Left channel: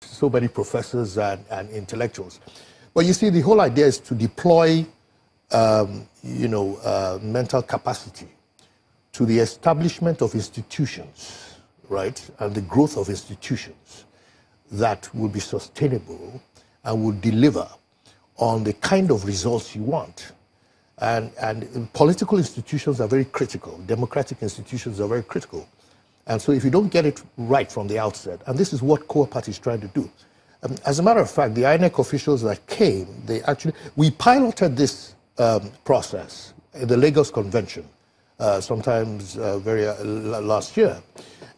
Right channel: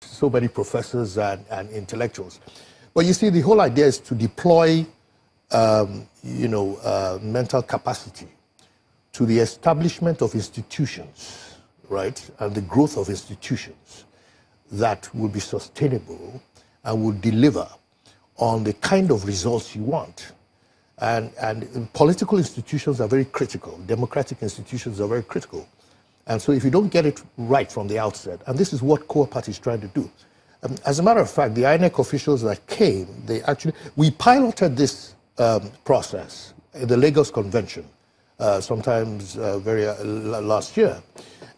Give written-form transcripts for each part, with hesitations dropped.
so many professors and intellectuals. But you see, the whole idea is to deploy, mental capacity to the establishment of institutions, right, and the growth of institutions that will be sustainable and will deliver on the kind of results you want. And political institutions are very critical. Democratic institutions are very critical. And so if you don't get it right from the outset, and this is what KOWA Party is trying to do. As a matter of fact, the INEC officials that came, we piloted this process at the Lagos Convention, sometimes last year,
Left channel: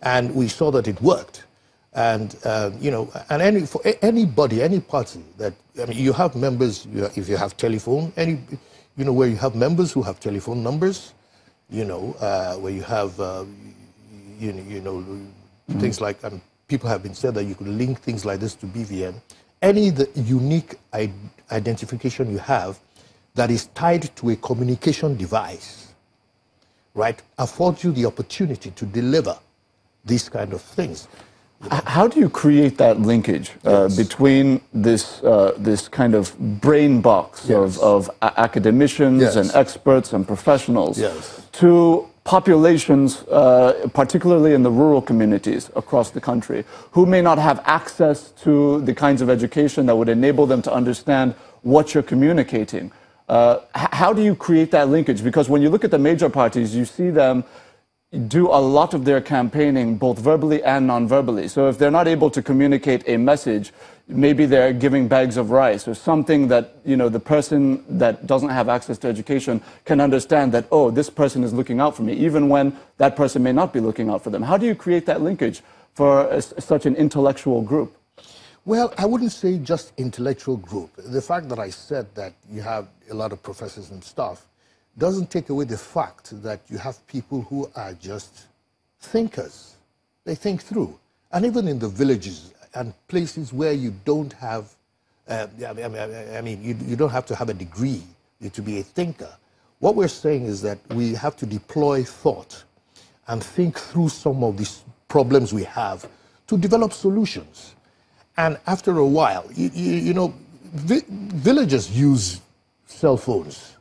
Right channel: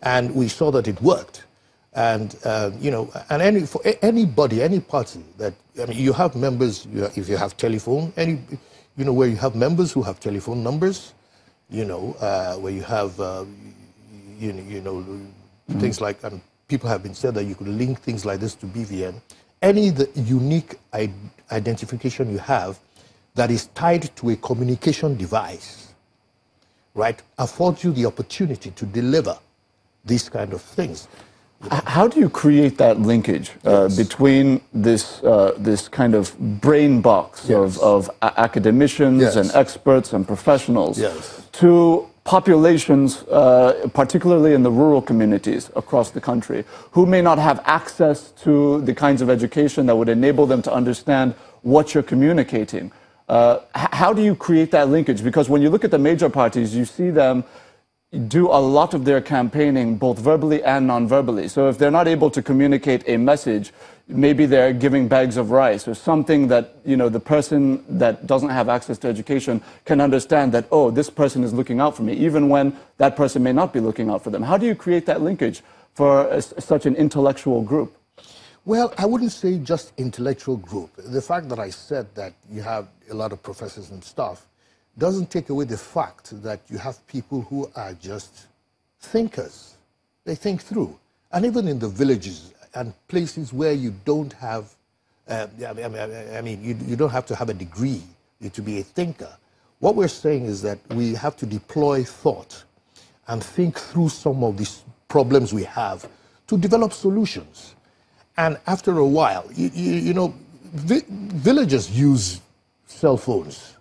and we saw that it worked. And for anybody, any party that, you have members, if you have telephone, where you have members who have telephone numbers, where you have, things like, people have been said that you could link things like this to BVN. The unique identification you have that is tied to a communication device, right, affords you the opportunity to deliver these kind of things. How do you create that linkage between this kind of brain box of academicians and experts and professionals to populations, particularly in the rural communities across the country, who may not have access to the kinds of education that would enable them to understand what you're communicating? How do you create that linkage? Because when you look at the major parties, you see them do a lot of their campaigning both verbally and non-verbally. So if they're not able to communicate a message, maybe they're giving bags of rice or something that, the person that doesn't have access to education can understand that, oh, this person is looking out for me, even when that person may not be looking out for them. How do you create that linkage for such an intellectual group? Well, I wouldn't say just intellectual group. The fact that I said that you have a lot of professors and staff doesn't take away the fact that you have people who are just thinkers. They think through. And even in the villages and places where you don't have, you don't have to have a degree to be a thinker. What we're saying is that we have to deploy thought and think through some of these problems we have to develop solutions. And after a while, villagers use cell phones.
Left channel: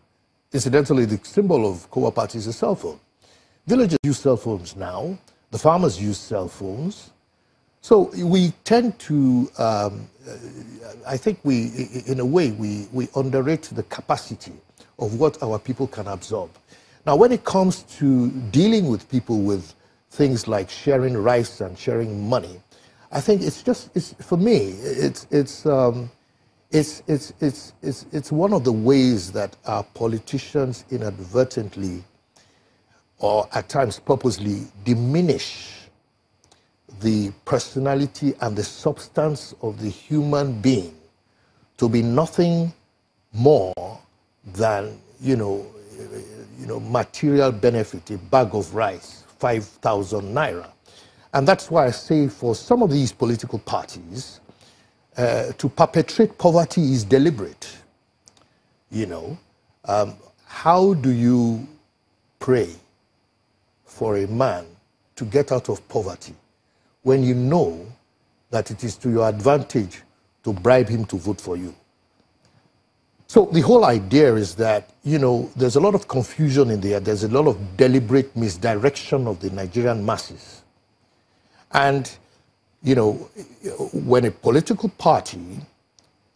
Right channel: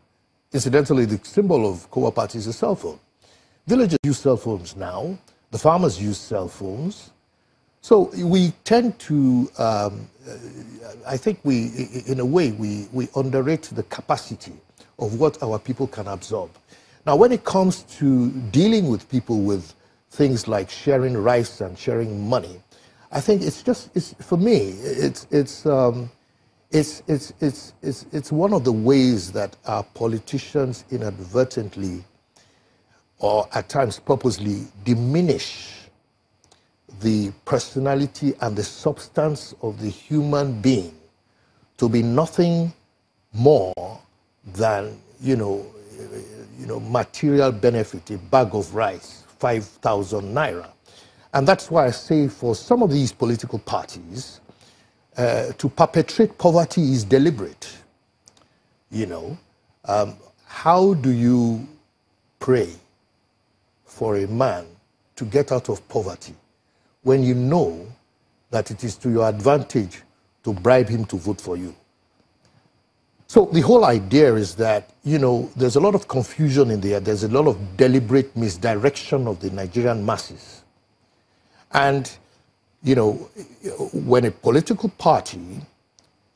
Incidentally, the symbol of KOWA Party is a cell phone. Villagers use cell phones now. The farmers use cell phones. So we tend to, I think in a way, we underrate the capacity of what our people can absorb. Now, when it comes to dealing with people with things like sharing rice and sharing money, I think for me, it's one of the ways that our politicians inadvertently or at times purposely diminish the personality and the substance of the human being to be nothing more than, material benefit, a bag of rice, 5,000 naira. And that's why I say for some of these political parties, to perpetrate poverty is deliberate. How do you pray for a man to get out of poverty when you know that it is to your advantage to bribe him to vote for you? So the whole idea is that, there's a lot of confusion in there. There's a lot of deliberate misdirection of the Nigerian masses. And when a political party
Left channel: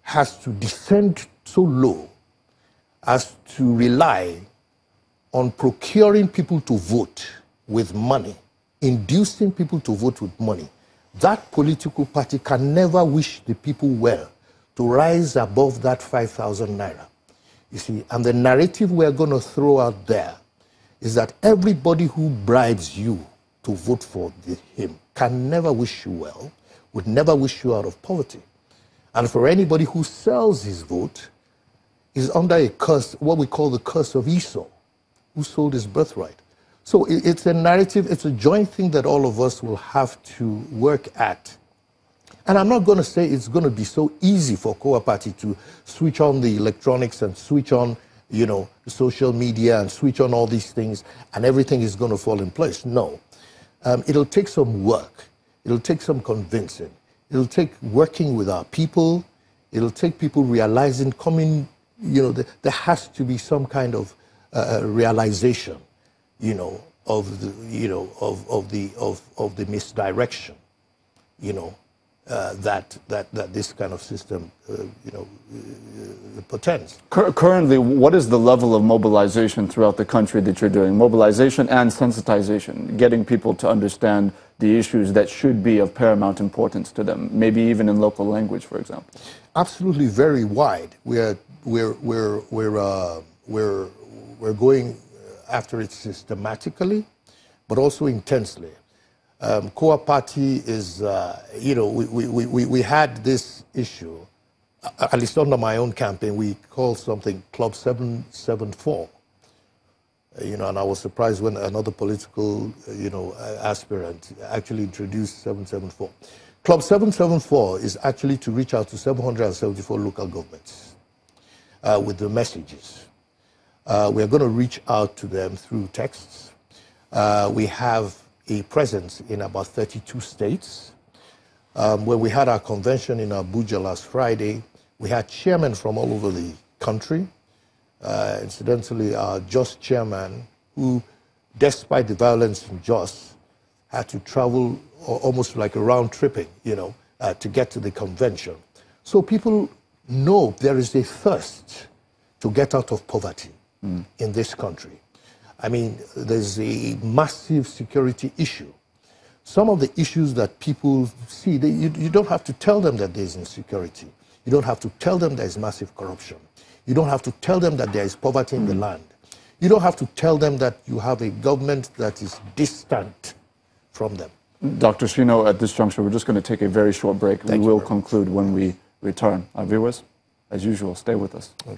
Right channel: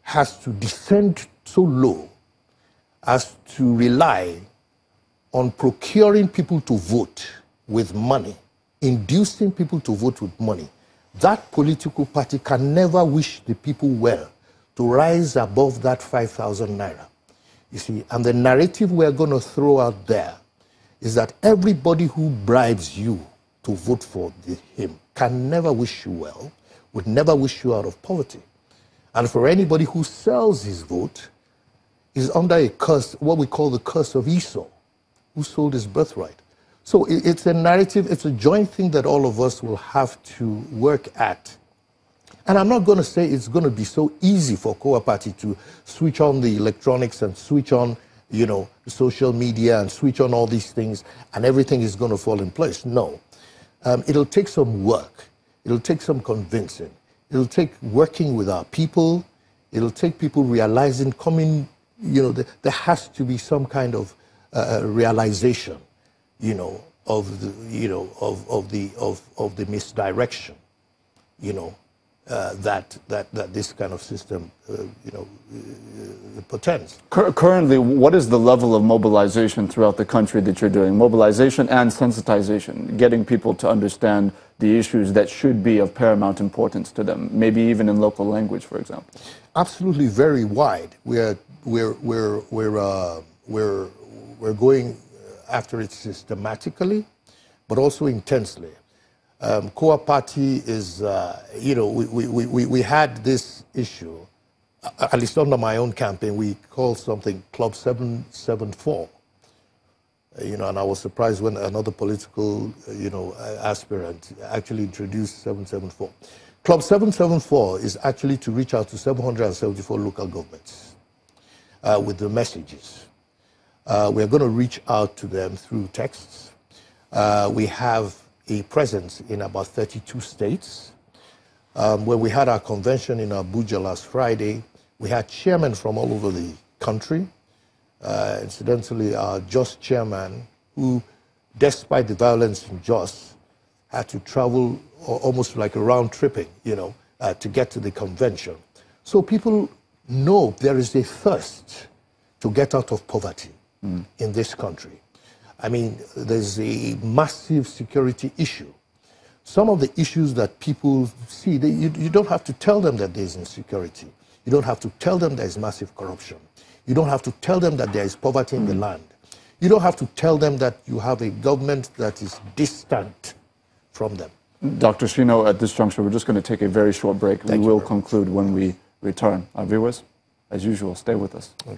has to descend so low as to rely on procuring people to vote with money, inducing people to vote with money, that political party can never wish the people well to rise above that 5,000 naira. You see, and the narrative we're going to throw out there is that everybody who bribes you to vote for him can never wish you well, would never wish you out of poverty. And for anybody who sells his vote is under a curse, what we call the curse of Esau, who sold his birthright. So it's a narrative, it's a joint thing that all of us will have to work at. And I'm not going to say it's going to be so easy for KOWA Party to switch on the electronics and switch on, social media and switch on all these things and everything is going to fall in place. No. It'll take some work. It'll take some convincing. It'll take working with our people. It'll take people realizing, there has to be some kind of realization, of the misdirection, that this kind of system, portends. Currently, what is the level of mobilization throughout the country that you're doing? Mobilization and sensitization, getting people to understand the issues that should be of paramount importance to them, maybe even in local language, for example. Absolutely, very wide. We're going after it systematically, but also intensely. KOWA party is, we had this issue, at least under my own campaign, we called something Club 774. And I was surprised when another political, aspirant actually introduced 774. Club 774 is actually to reach out to 774 local governments with the messages. We're going to reach out to them through texts. We have a presence in about 32 states. When we had our convention in Abuja last Friday, we had chairmen from all over the country. Incidentally, our Jos chairman, who, despite the violence in Jos, had to travel almost like a round tripping, to get to the convention. So people know there is a thirst to get out of poverty in this country. I mean, there's a massive security issue. Some of the issues that people see, you don't have to tell them that there's insecurity. You don't have to tell them there's massive corruption. You don't have to tell them that there is poverty in the land. You don't have to tell them that you have a government that is distant from them. Dr. Shino, at this juncture, we're just going to take a very short break. We will conclude when we return. Our viewers, as usual, stay with us. Okay.